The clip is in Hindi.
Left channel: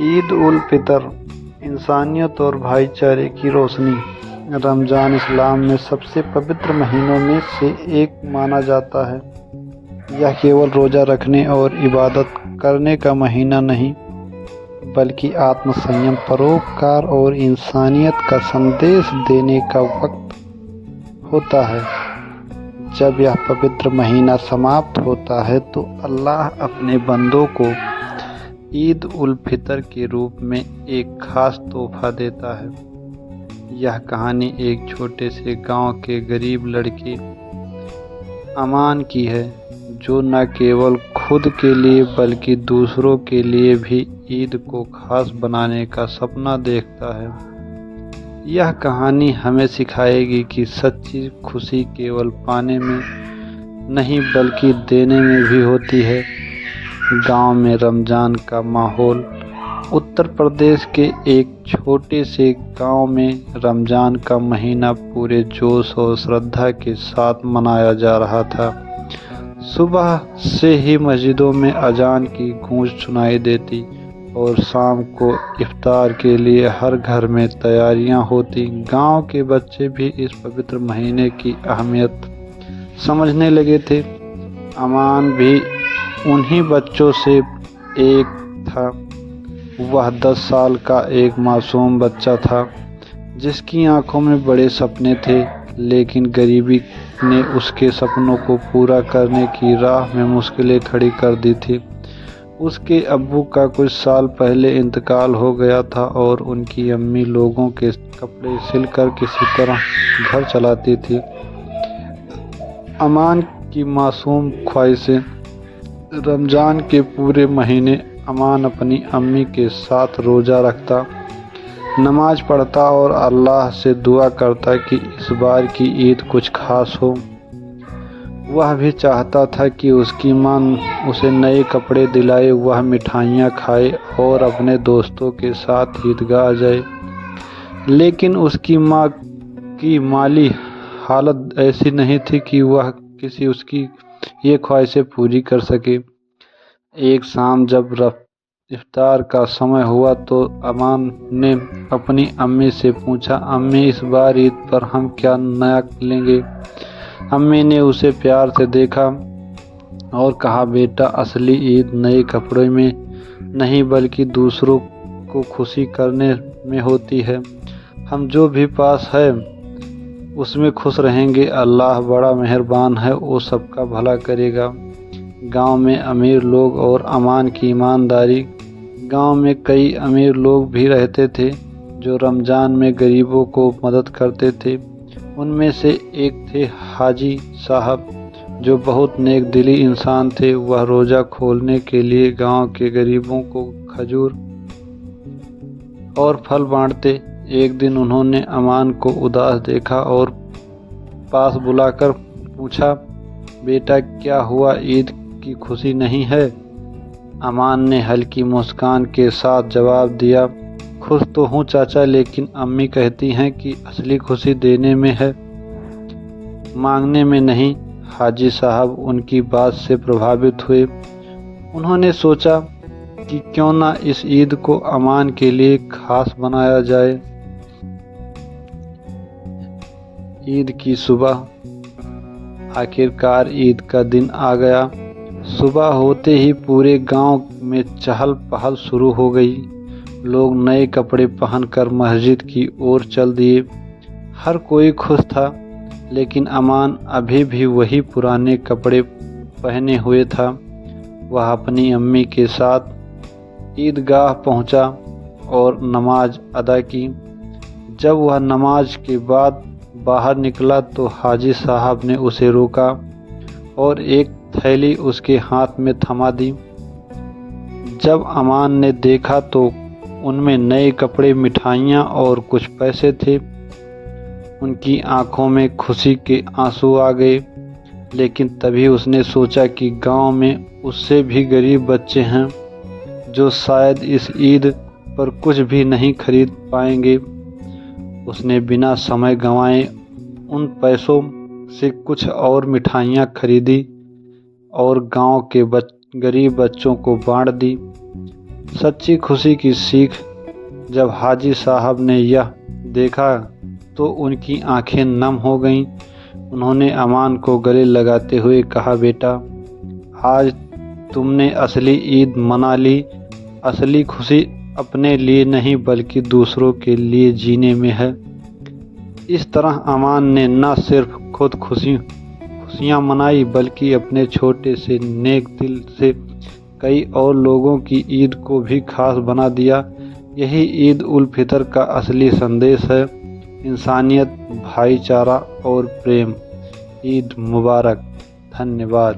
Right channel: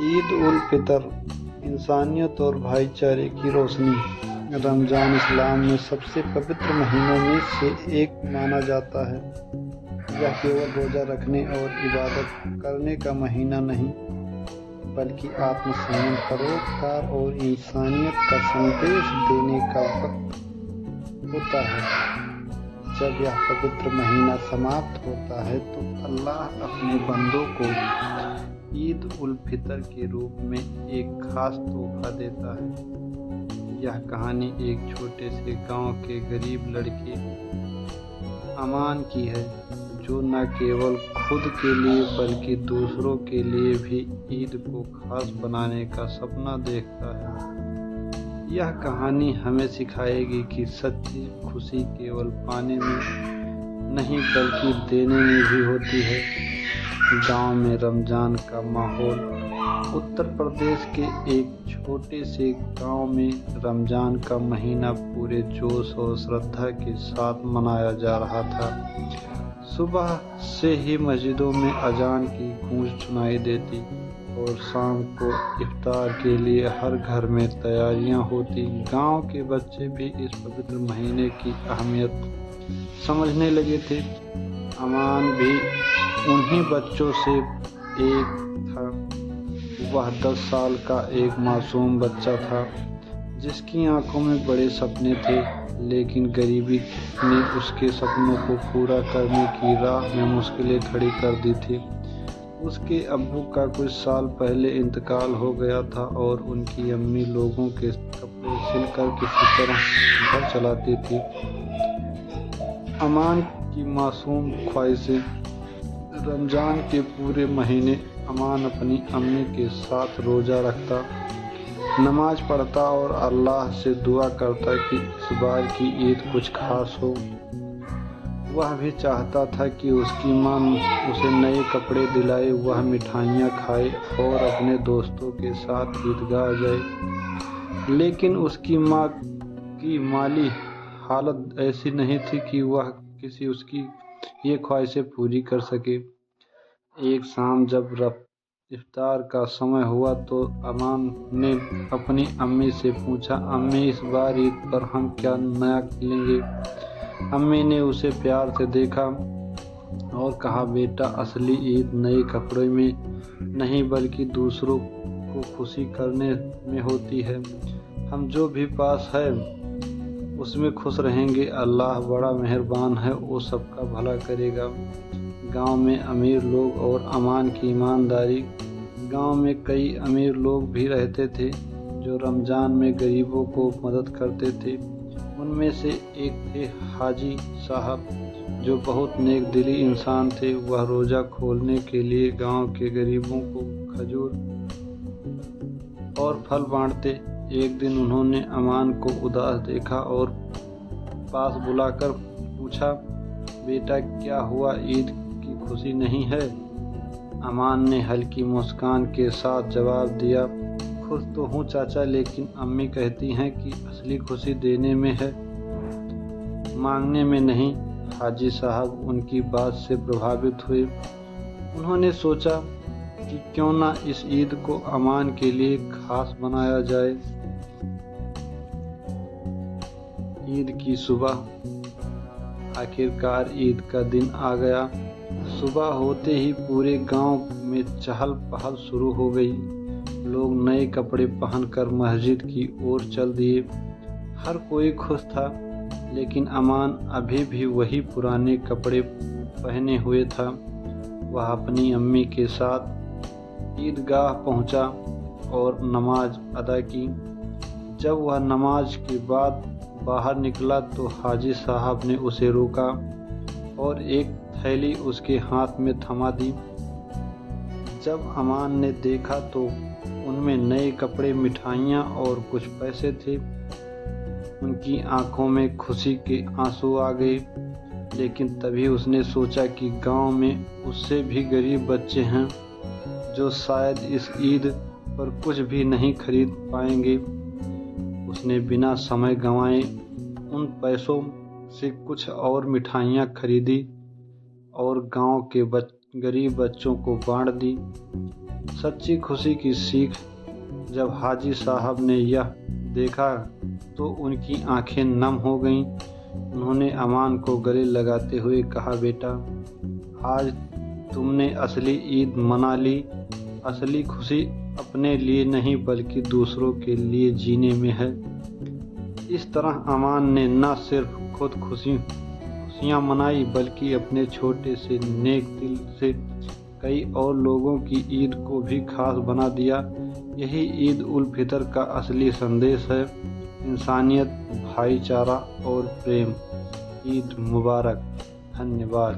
ईद उल फितर इंसानियत और भाईचारे की रोशनी। रमज़ान इस्लाम में सबसे पवित्र महीनों में से एक माना जाता है। यह केवल रोज़ा रखने और इबादत करने का महीना नहीं, बल्कि आत्मसंयम, परोपकार और इंसानियत का संदेश देने का वक्त होता है। जब यह पवित्र महीना समाप्त होता है तो अल्लाह अपने बंदों को ईद उल फितर के रूप में एक खास तोहफा देता है। यह कहानी एक छोटे से गांव के गरीब लड़के अमान की है, जो न केवल खुद के लिए बल्कि दूसरों के लिए भी ईद को खास बनाने का सपना देखता है। यह कहानी हमें सिखाएगी कि सच्ची खुशी केवल पाने में नहीं बल्कि देने में भी होती है। गांव में रमज़ान का माहौल। उत्तर प्रदेश के एक छोटे से गांव में रमज़ान का महीना पूरे जोश और श्रद्धा के साथ मनाया जा रहा था। सुबह से ही मस्जिदों में अजान की गूंज सुनाई देती और शाम को इफ्तार के लिए हर घर में तैयारियां होती। गांव के बच्चे भी इस पवित्र महीने की अहमियत समझने लगे थे। अमान भी उन्हीं बच्चों से एक था। वह 10 साल का एक मासूम बच्चा था, जिसकी आंखों में बड़े सपने थे, लेकिन गरीबी ने उसके सपनों को पूरा करने की राह में मुश्किलें खड़ी कर दी थी। उसके अब्बू का कुछ साल पहले इंतकाल हो गया था और उनकी अम्मी लोगों के कपड़े सिलकर किसी तरह घर चलाती थी। अमान की मासूम ख्वाहिशें। रमज़ान के पूरे महीने अमान अपनी अम्मी के साथ रोज़ा रखता, नमाज पढ़ता और अल्लाह से दुआ करता कि इस बार की ईद कुछ खास हो। वह भी चाहता था कि उसकी माँ उसे नए कपड़े दिलाए, वह मिठाइयाँ खाए और अपने दोस्तों के साथ ईदगाह जाए। लेकिन उसकी माँ की माली हालत ऐसी नहीं थी कि वह उसकी ये ख्वाहिशें पूरी कर सके। एक शाम जब इफ्तार का समय हुआ तो अमान ने अपनी अम्मी से पूछा, अम्मी इस बार ईद पर हम क्या नया लेंगे? अम्मी ने उसे प्यार से देखा और कहा, बेटा, असली ईद नए कपड़े में नहीं बल्कि दूसरों को खुशी करने में होती है। हम जो भी पास है उसमें खुश रहेंगे। अल्लाह बड़ा मेहरबान है, वो सबका भला करेगा। गांव में अमीर लोग और अमान की ईमानदारी। गांव में कई अमीर लोग भी रहते थे जो रमज़ान में गरीबों को मदद करते थे। उनमें से एक थे हाजी साहब, जो बहुत नेक दिली इंसान थे। वह रोज़ा खोलने के लिए गांव के गरीबों को खजूर और फल बांटते। एक दिन उन्होंने अमान को उदास देखा और पास बुलाकर पूछा, बेटा, क्या हुआ, ईद की खुशी नहीं है? अमान ने हल्की मुस्कान के साथ जवाब दिया, खुश तो हूँ चाचा, लेकिन अम्मी कहती हैं कि असली खुशी देने में है, मांगने में नहीं। हाजी साहब उनकी बात से प्रभावित हुए। उन्होंने सोचा कि क्यों ना इस ईद को अमान के लिए खास बनाया जाए। ईद की सुबह। आखिरकार ईद का दिन आ गया। सुबह होते ही पूरे गांव में चहल पहल शुरू हो गई। लोग नए कपड़े पहनकर मस्जिद की ओर चल दिए। हर कोई खुश था, लेकिन अमान अभी भी वही पुराने कपड़े पहने हुए था। वह अपनी अम्मी के साथ ईदगाह पहुंचा और नमाज अदा की। जब वह नमाज के बाद बाहर निकला तो हाजी साहब ने उसे रोका और एक थैली उसके हाथ में थमा दी। जब अमान ने देखा तो उनमें नए कपड़े, मिठाइयाँ और कुछ पैसे थे। उनकी आंखों में खुशी के आंसू आ गए। लेकिन तभी उसने सोचा कि गांव में उससे भी गरीब बच्चे हैं जो शायद इस ईद पर कुछ भी नहीं खरीद पाएंगे। उसने बिना समय गंवाए उन पैसों से कुछ और मिठाइयाँ खरीदी और गांव के गरीब बच्चों को बांट दी। सच्ची खुशी की सीख। जब हाजी साहब ने यह देखा तो उनकी आंखें नम हो गईं। उन्होंने अमान को गले लगाते हुए कहा, बेटा, आज तुमने असली ईद मना ली। असली खुशी अपने लिए नहीं बल्कि दूसरों के लिए जीने में है। इस तरह अमान ने न सिर्फ खुद खुशियाँ मनाई बल्कि अपने छोटे से नेक दिल से कई और लोगों की ईद को भी खास बना दिया। यही ईद उल फितर का असली संदेश है, इंसानियत, भाईचारा और प्रेम। ईद मुबारक। धन्यवाद।